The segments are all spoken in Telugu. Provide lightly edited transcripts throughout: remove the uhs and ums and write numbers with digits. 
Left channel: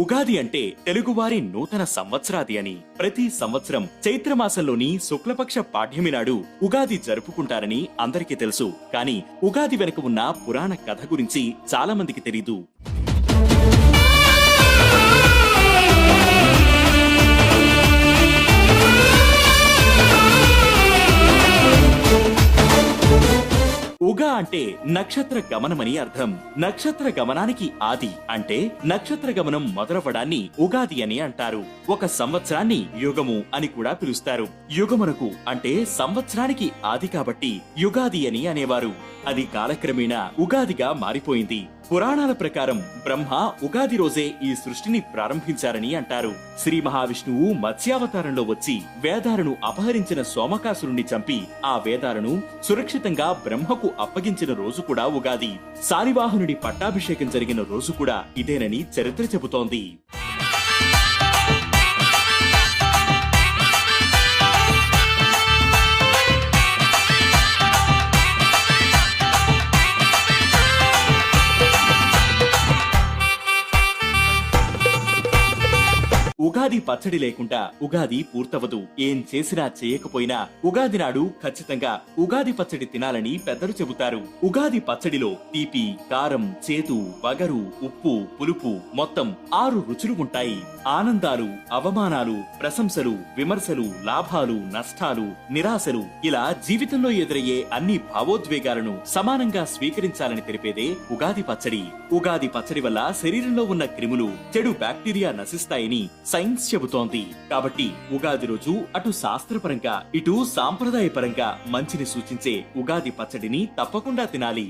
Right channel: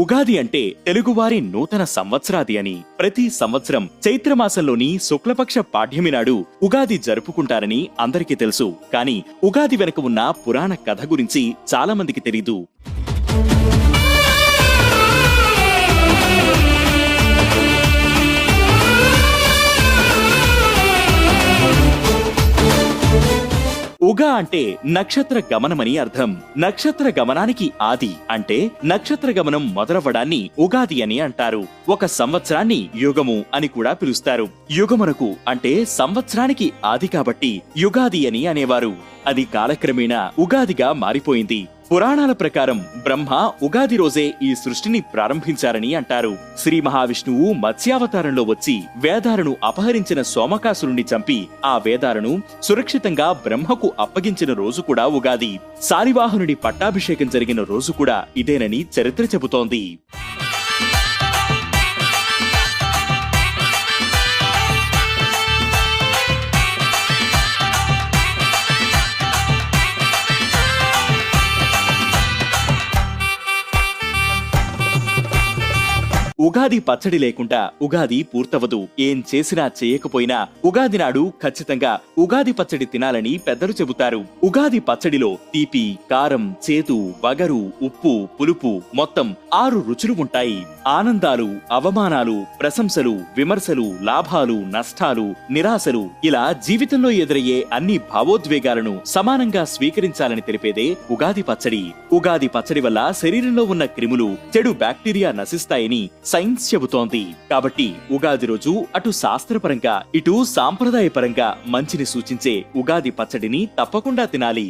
ఉగాది అంటే తెలుగువారి నూతన సంవత్సరాది అని. ప్రతి సంవత్సరం చైత్రమాసంలోని శుక్లపక్ష పాడ్యమి నాడు ఉగాది జరుపుకుంటారని అందరికీ తెలుసు. కానీ ఉగాది వెనుక ఉన్న పురాణ కథ గురించి చాలా మందికి తెలీదు. ఉగా అంటే నక్షత్ర గమనమని అర్థం. నక్షత్ర గమనానికి ఆది అంటే నక్షత్ర గమనం మొదలవ్వడాన్ని ఉగాది అని అంటారు. ఒక సంవత్సరాన్ని యుగము అని కూడా పిలుస్తారు. యుగమునకు అంటే సంవత్సరానికి ఆది కాబట్టి యుగాది అని అనేవారు. అది కాలక్రమేణా ఉగాదిగా మారిపోయింది. పురాణాల ప్రకారం బ్రహ్మ ఉగాది రోజే ఈ సృష్టిని ప్రారంభించారని అంటారు. శ్రీ మహావిష్ణువు మత్స్యావతారంలో వచ్చి వేదాలను అపహరించిన సోమకాసురుణ్ణి చంపి ఆ వేదాలను సురక్షితంగా బ్రహ్మకు అప్పగించిన రోజు కూడా ఉగాది. శాలివాహనుడి పట్టాభిషేకం జరిగిన రోజు కూడా ఇదేనని చరిత్ర చెబుతోంది. ఉగాది పచ్చడి లేకుండా ఉగాది పూర్తవదు. ఏం చేసినా చేయకపోయినా ఉగాది నాడు ఖచ్చితంగా ఉగాది పచ్చడి తినాలని పెద్దలు చెబుతారు. ఉగాది పచ్చడిలో తీపి, కారం, చేదు, వగరు, ఉప్పు, పులుపు మొత్తం 6 రుచులు ఉంటాయి. ఆనందాలు, అవమానాలు, ప్రశంసలు, విమర్శలు, లాభాలు, నష్టాలు, నిరాశలు ఇలా జీవితంలో ఎదురయ్యే అన్ని భావోద్వేగాలను సమానంగా స్వీకరించాలని తెలిపేదే ఉగాది పచ్చడి. ఉగాది పచ్చడి వల్ల శరీరంలో ఉన్న క్రిములు, చెడు బ్యాక్టీరియా నశిస్తాయని సైన్స్ చెబుతోంది. కాబట్టి ఉగాది రోజు అటు శాస్త్రపరంగా ఇటు సాంప్రదాయపరంగా మంచిని సూచించే ఉగాది పచ్చడిని తప్పకుండా తినాలి.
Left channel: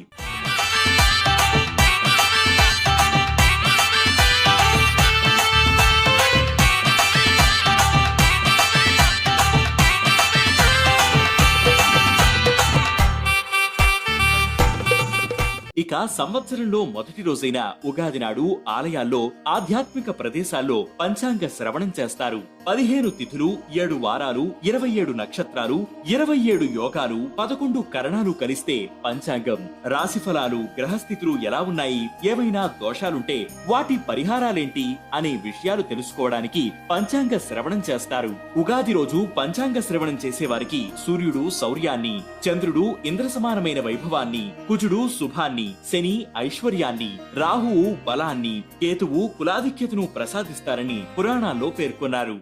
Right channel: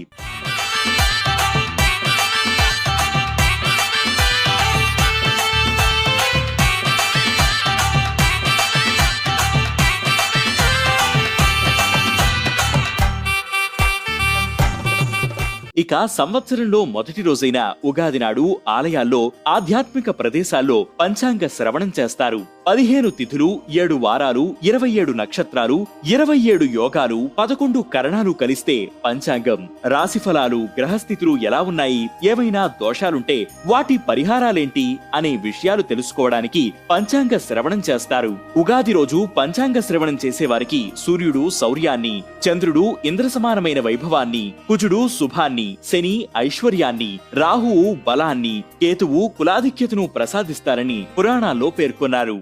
ఇక సంవత్సరంలో మొదటి రోజైన ఉగాది నాడు ఆలయాల్లో, ఆధ్యాత్మిక ప్రదేశాల్లో పంచాంగ శ్రవణం చేస్తారు. 15 తిథులు, 7 వారాలు, 27 నక్షత్రాలు, 27 యోగాలు, 11 కరణాలు కలిస్తే పంచాంగం. రాశిఫలాలు, గ్రహస్థితులు ఎలా ఉన్నాయి, ఏవైనా దోషాలుంటే వాటి పరిహారాలేంటి అనే విషయాలు తెలుసుకోవడానికి పంచాంగ శ్రవణం చేస్తారు. ఉగాది రోజు పంచాంగ శ్రవణం చేసేవారికి సూర్యుడు శౌర్యాన్ని, చంద్రుడు ఇంద్రసమానమైన వైభవాన్ని, కుజుడు శుభాన్ని, శని ఐశ్వర్యాన్ని, రాహువు బలాన్ని, కేతువు కులాధిక్యతను ప్రసాదిస్తారని పురాణాల్లో పేర్కొన్నారు.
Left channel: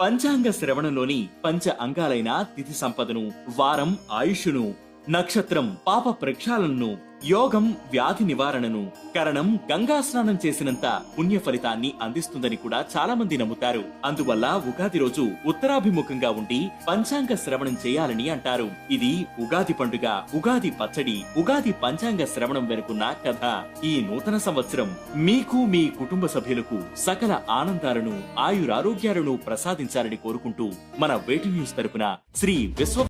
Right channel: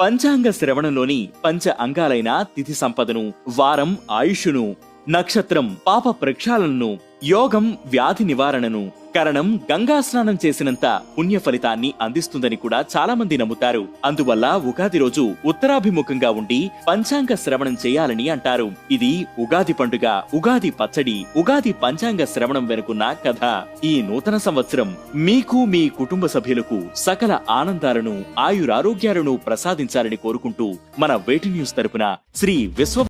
పంచాంగ శ్రవణంలోని పంచ అంగాలైన తిథి సంపదను, వారం ఆయుష్ను, నక్షత్రం పాప ప్రక్షాళనను, యోగం వ్యాధి నివారణను, కరణం గంగా స్నానం చేసినంత పుణ్య ఫలితాన్ని అందిస్తుందని కూడా చాలా మంది నమ్ముతారు. అందువల్ల ఉగాది రోజు ఉత్తరాభిముఖంగా ఉండి పంచాంగ శ్రవణం చేయాలని అంటారు. ఇది ఉగాది పండుగ, ఉగాది పచ్చడి, ఉగాది పంచాంగ శ్రవణం వెనుకున్న కథ. ఈ నూతన సంవత్సరం మీకు, మీ కుటుంబ సభ్యులకు సకల ఆనందాలను, ఆయురారోగ్యాలను ప్రసాదించాలని కోరుకుంటూ మన వేటి న్యూస్ తరపున శ్రీ విశ్వ